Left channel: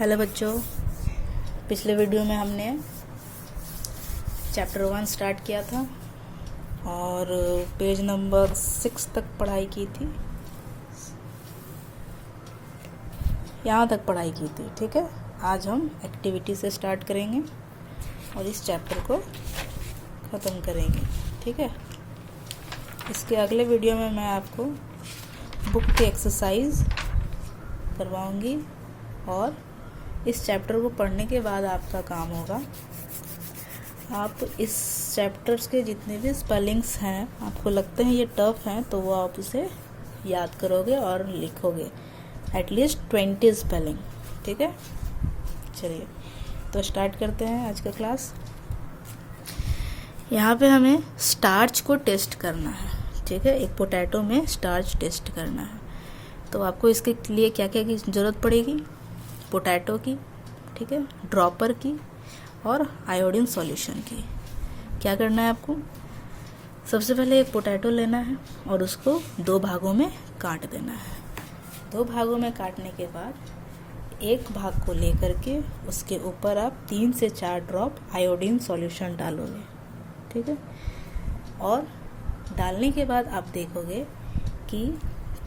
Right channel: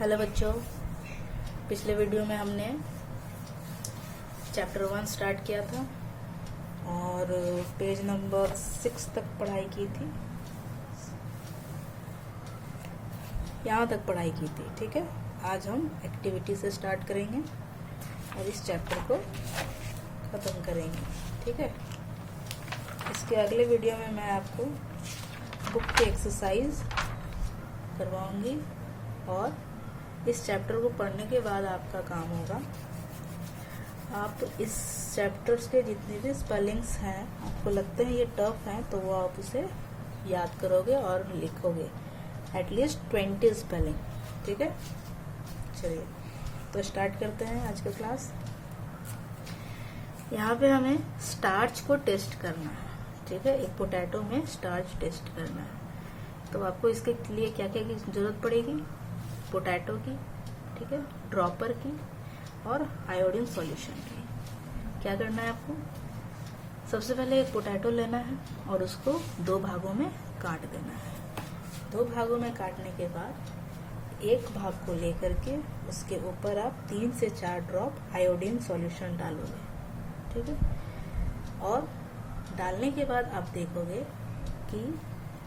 Hello बच्चों, पिछले video में हमने चैप्टर 1 स्टार्ट किया था और पेज नंबर 6 तक पढ़ाई की थी। यहाँ तक पढ़ाई की थी। ठीक है, आज हम एक्टिविटी से स्टार्ट करेंगे और इस चैप्टर को ख़त्म करेंगे। ठीक है, इसके अगले वीडियो में मैं आपको बुक की एक्सरसाइज करवाऊंगी और इस चैप्टर को पढ़ने के बाद आपका काम होगा, आप इस चैप्टर्स के जितने भी स्पेलिंग्स हैं, आपको लगते हैं ये टफ हैं, तो वो आप उसे याद करोगे और लिखोगे एटलीस्ट 20 स्पेलिंग। ठीक है, चलिए तो स्टार्ट करते हैं आज का क्लास। यहाँ पे हमें स्टार्च को टेस्ट करना है। ठीक है, एक पोटैटो में स्टार्च टेस्ट करना है, तो आपको इसके लिए क्या क्या की ज़रूरत पड़ेगी? पोटैटो की, ठीक है, ड्रॉपर की और आयोडीन सॉल्यूशन की। क्या करना है आपको? सबसे पहले एक पोटैटो लेना है और उसको 2 भागों में काट देना है। 2 भागों में काटने के बाद एक भाग को लेकर के उसके ऊपर आप 3 से 4 ड्रॉप आयोडीन सॉल्यूशन डालोगे। ठीक है, और डालने के बाद आप देखोगे कि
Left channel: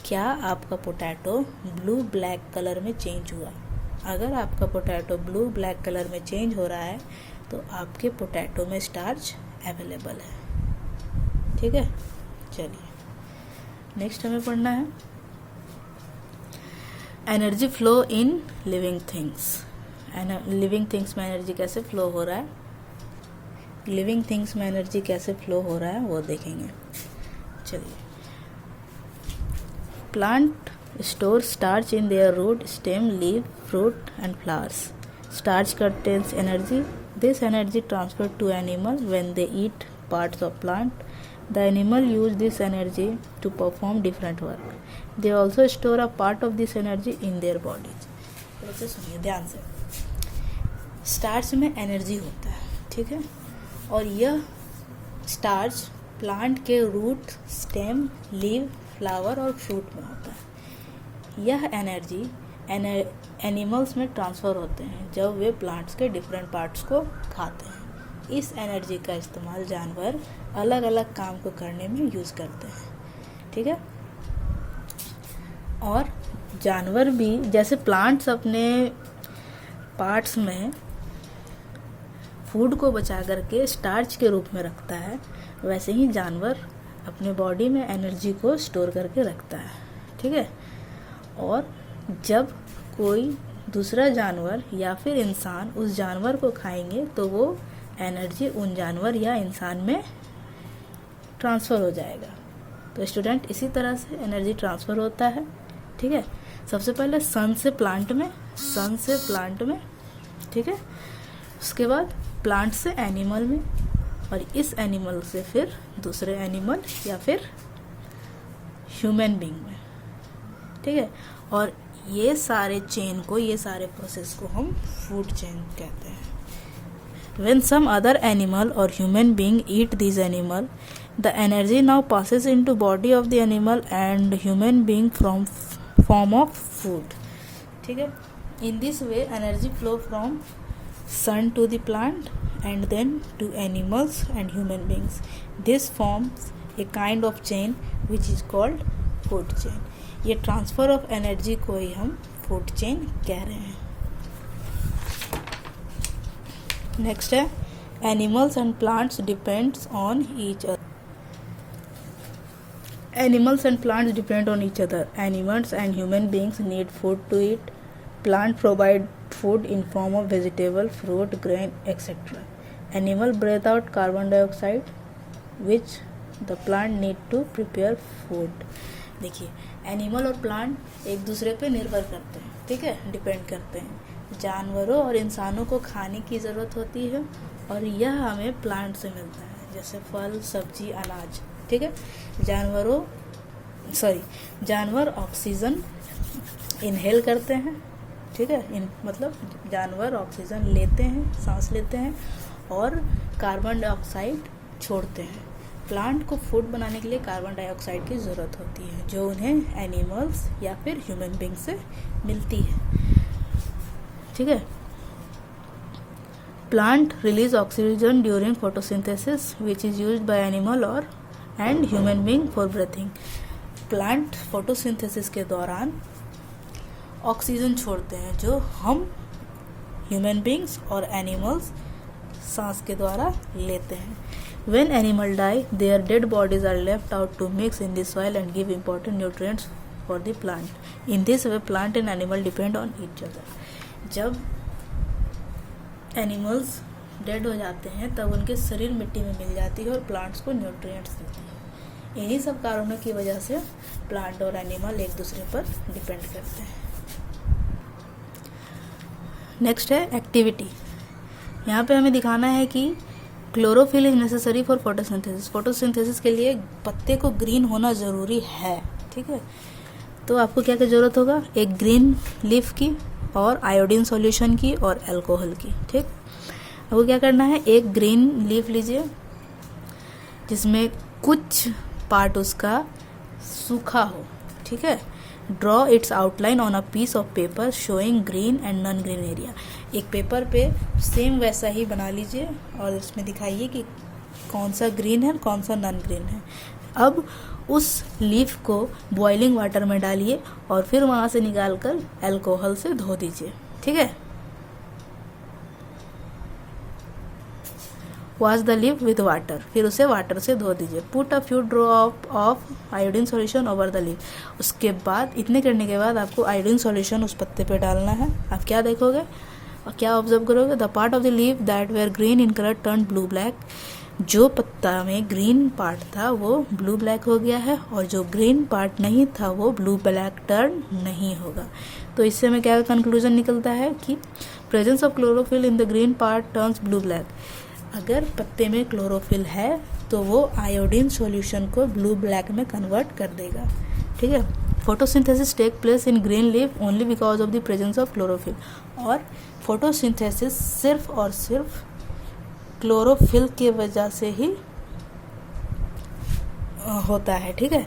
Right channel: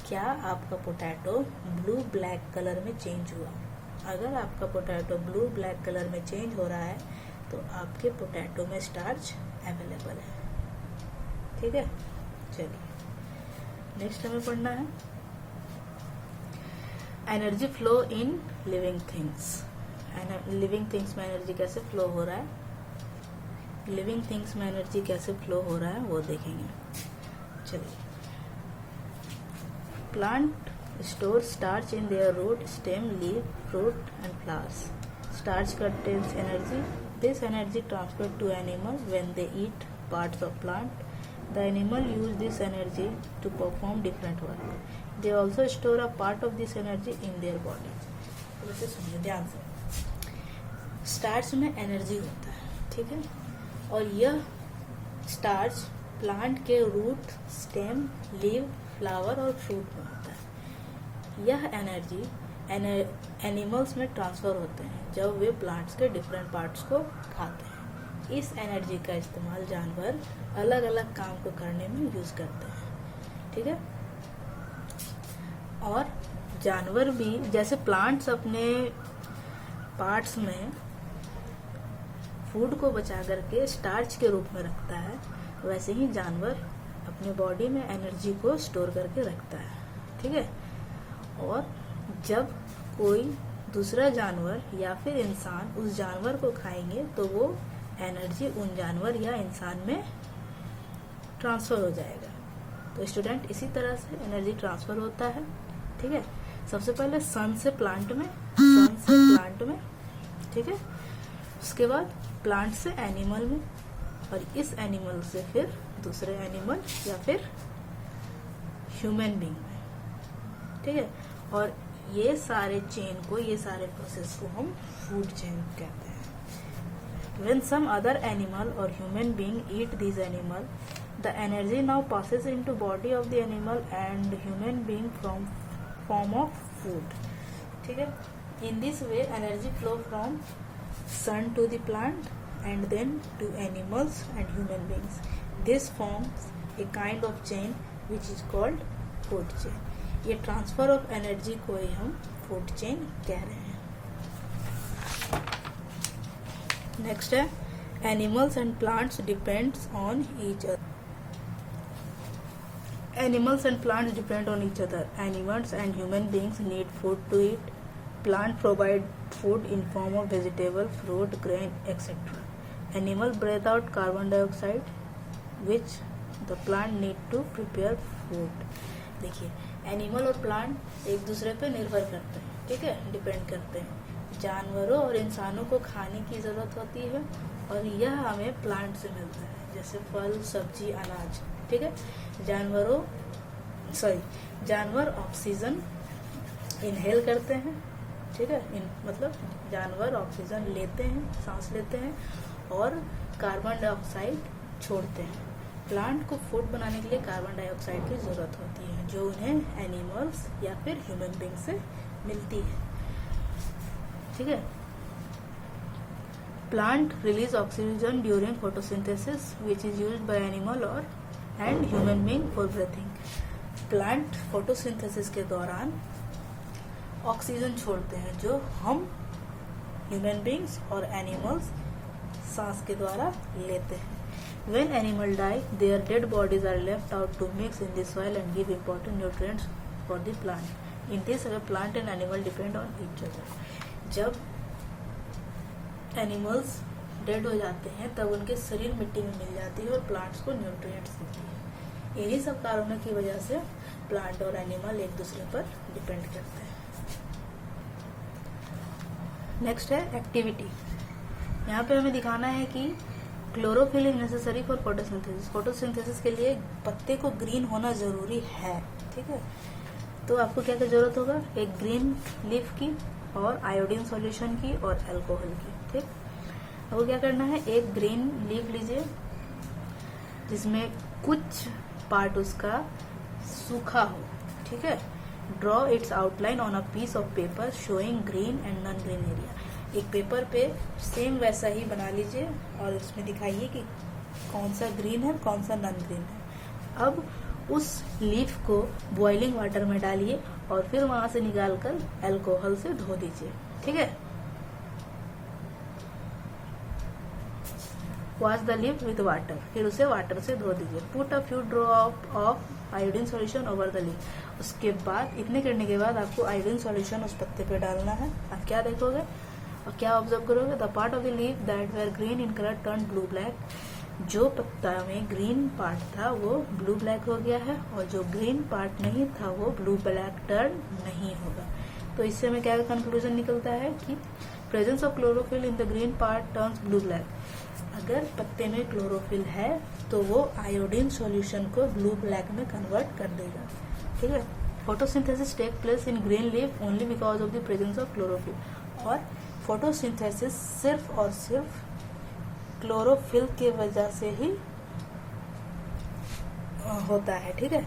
क्या आपका पोटैटो ब्लू ब्लैक कलर में चेंज हुआ। अगर आपका पोटैटो ब्लू ब्लैक कलर में चेंज हो रहा है तो आपके पोटैटो में स्टार्च अवेलेबल है। ठीक है, चलिए नेक्स्ट हमें पढ़ना है energy flow in living things. Living things में एनर्जी कैसे फ्लो हो रहा है, लिविंग थिंग्स में एनर्जी कैसे फ्लो हो रहा है वो देखेंगे। चलिए, plant store starch in their root, stem, leaf, fruit and flowers. Starch contains energy. This energy transferred to animal when they eat parts of plant. The animal use this energy to perform different work. They also store a part of this energy in their bodies. इसे सुनिए ध्यान से। Starch में energy होता है, ठीक है, और यह स्टार्च प्लांट के रूट, स्टेम, लीव, फ्लावर और फ्रूट में होता है। यह एनर्जी एनिमल्स में ट्रांसफ़र होते हैं जब वे प्लांट्स के डिफरेंट पार्ट्स को खाते हैं। इस एनर्जी का इस्तेमाल जानवर अलग अलग काम को करने में यूज़ करते हैं। ठीक है, और जानवर भी जैसे प्लांट्स अपने पार्ट्स में फूड को बचा करके स्टार्च के रूप में रखता है, वैसे ही जानवर अपने बॉडी में एनर्जी को स्टोर करके रखता है। ठीक है, और जब कोई दूसरा जानवर या फिर इंसान उस जानवर को खाएंगे तो वो एनर्जी उन जानवर या इंसान में ट्रांसफ़र हो जाएगा। तो स्टूडेंट, इसी तरह से एनर्जी ट्रांसफ़र होता है। ठीक है, सबसे पहले सन से प्लांट में, सन से प्लांट में, ठीक है, उसके बाद प्लांट से एनिमल में, और इस एनिमल से फिर दूसरे एनिमल या फिर ह्यूमन बीइंग में। ठीक है, और ये सारे चेन को, ये सारे प्रोसेस को हम फूड चेन कहते हैं। When some other animal or human being eat these animal, the energy now passes into body of the animal and human being from form of food. ठीक है, in this way energy flow from sun to the plant and then to animals and human beings. This forms a kind of chain which is called food chain. ये transfer of energy को ही हम food chain कह रहे हैं। Next है animals and plants depends on each other. Animals and plants depend on each other. Animals and human beings need food to eat. Plant provide food in form of vegetable, fruit, grain etcetera. Animal breathe out carbon dioxide which the plant need to prepare food. देखिए, animal और plant एक दूसरे पे निर्भर करते हैं। ठीक है, डिपेंड करते हैं। जानवरों और इंसानों को खाने की ज़रूरत होती है और यह हमें प्लांट से मिलता है, जैसे फल, सब्जी, अनाज। ठीक है, जानवर ऑक्सीजन इनहेल करते हैं। ठीक है, मतलब जानवर ऑक्सीजन लेते हैं, सांस लेते हैं, और कार्बन डाइऑक्साइड छोड़ते हैं। प्लांट को फूड बनाने के लिए कार्बन डाइऑक्साइड की ज़रूरत होती है, जो उन्हें एनिमल्स या फिर ह्यूमन बीइंग से मिलती है। ठीक है। Plant release oxygen during photosynthesis which is used by animal और and human being for breathing. Plant photosynthesis के दौरान ऑक्सीजन छोड़ते हैं जो हम ह्यूमन बींग्स और एनिमल्स सांस के द्वारा लेते हैं। When animal die, their dead bodies are left out to mix in the soil and give important nutrients for the plant. In this way, plant and animal depend on each other. जब animals dead हो जाते हैं तब उनके शरीर मिट्टी में मिल जाती है और प्लांट्स को न्यूट्रिएंट्स देती है। यही सब कारणों की वजह से प्लांट और एनिमल एक दूसरे पर डिपेंड करते हैं। नेक्स्ट है एक्टिविटी। यहाँ पे हमें दिखाना है कि chlorophyll is necessary for photosynthesis. Photosynthesis के लिए पत्ते को ग्रीन होना ज़रूरी है, ठीक है। तो आपको क्या क्या ज़रूरत होगा, एक ग्रीन लीफ की और आयोडीन सॉल्यूशन की और अल्कोहल की, ठीक। आपको क्या करना है, एक ग्रीन लीफ लीजिए जिसमें कुछ पार्ट उसका सूखा हो, ठीक है। Draw its outline on a piece of paper showing green and non green area. एक पेपर पे सेम वैसा ही बना लीजिए और इसमें दिखाइए कि कौन सा ग्रीन है कौन सा नॉन ग्रीन है। अब उस लीफ को बॉइलिंग वाटर में डालिए और फिर वहां से निकालकर अल्कोहल से धो दीजिए, ठीक है। Wash the leaf with water, फिर उसे वाटर से धो दीजिए। Put a few drop of iodine solution over the leaf. उसके बाद इतने करने के बाद आपको आयोडीन सॉल्यूशन उस पत्ते पे डालना है। आप क्या देखोगे और क्या ऑब्जर्व करोगे, the part of the leaf that were green in colour turn blue black. जो पत्ता में ग्रीन पार्ट था वो ब्लू ब्लैक हो गया है और जो ग्रीन पार्ट नहीं था वो ब्लू ब्लैक टर्न नहीं होगा। तो इससे हमें क्या कंक्लूजन निकलता है कि presence of chlorophyll in the green part turns blue black. अगर पत्ते में क्लोरोफिल है तो वो आयोडीन सॉल्यूशन को ब्लू ब्लैक में कन्वर्ट कर देगा, ठीक है। Photosynthesis take place in green leaf only because of the presence of chlorophyll. और फोटोसिंथेसिस सिर्फ और सिर्फ क्लोरोफिल की वजह से ही होता है, ठीक है।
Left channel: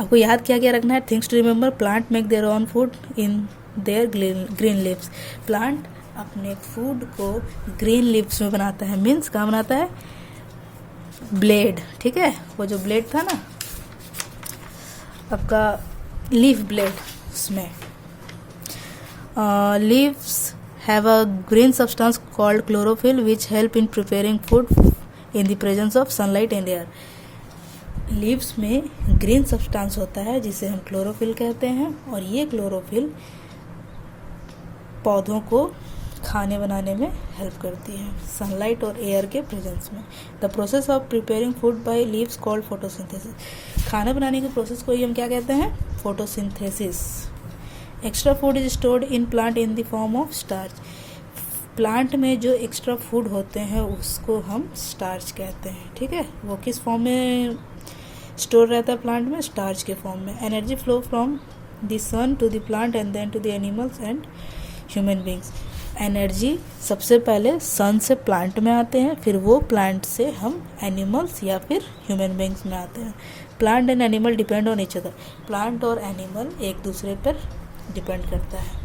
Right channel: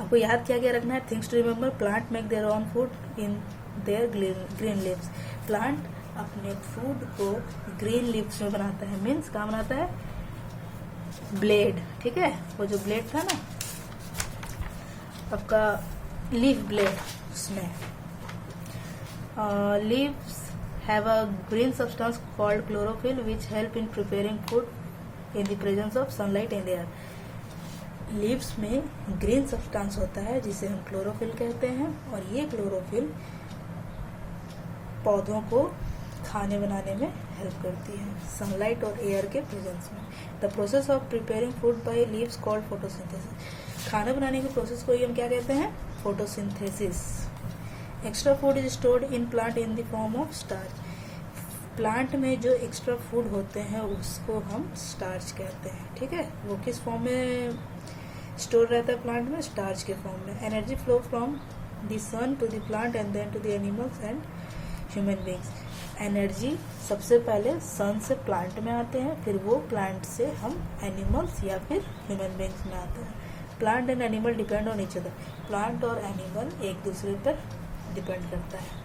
आपको याद क्या क्या रखना है, things to remember, plant make their own food in their green leaves. Plant अपने फूड को ग्रीन लीव्स में बनाता है, मीन्स कहाँ बनाता है, ब्लेड, ठीक है। वो जो ब्लेड था ना आपका लीफ ब्लेड, उसमें leaves have a green substance called chlorophyll which help in preparing food in the presence of sunlight and air. Leaves में ग्रीन सब्सटेंस होता है जिसे हम क्लोरोफिल कहते हैं और ये क्लोरोफिल पौधों को खाने बनाने में हेल्प करती है सनलाइट और एयर के प्रेजेंस में। The process of preparing food by leaves called photosynthesis. खाना बनाने के प्रोसेस को ही हम क्या कहते हैं, photosynthesis. Extra food is stored in plant in the form of starch. Plant में जो एक्स्ट्रा फूड होते हैं उसको हम स्टार्च कहते हैं, ठीक है। वो किस फॉर्म में स्टोर रहता है प्लांट में, स्टार्च के फॉर्म में। Energy flow from the sun to the plant and then to the animals and human beings. Energy सबसे पहले सन से प्लांट में आते हैं, फिर वो प्लांट से हम एनिमल्स या फिर ह्यूमन बींग्स में आते हैं। Plant and animal depend on each other. Plant और एनिमल एक दूसरे पर डिपेंड करता है।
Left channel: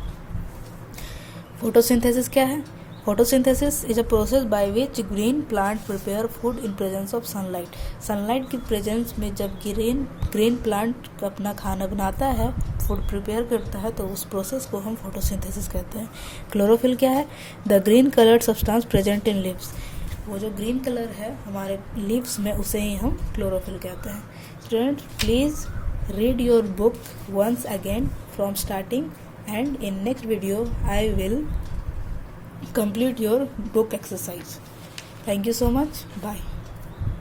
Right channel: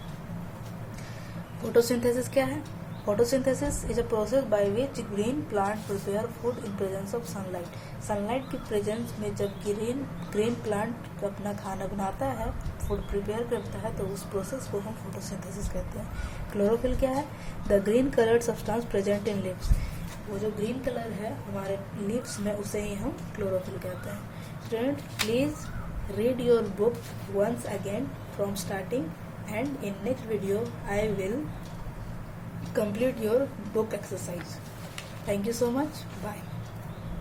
फोटोसिंथेसिस क्या है, photosynthesis is a process by which green plant prepare food in presence of sunlight. Sunlight की प्रेजेंस में जब ग्रीन प्लांट अपना खाना बनाता है, फूड प्रिपेयर करता है, तो उस प्रोसेस को हम फोटोसिंथेसिस कहते हैं। क्लोरोफिल क्या है, the green coloured substance present in leaves. वो जो ग्रीन कलर है हमारे लीव्स में उसे ही हम क्लोरोफिल कहते हैं। Student, please read your book once again from starting, and in next video I will complete your book exercise. Thank you so much. Bye.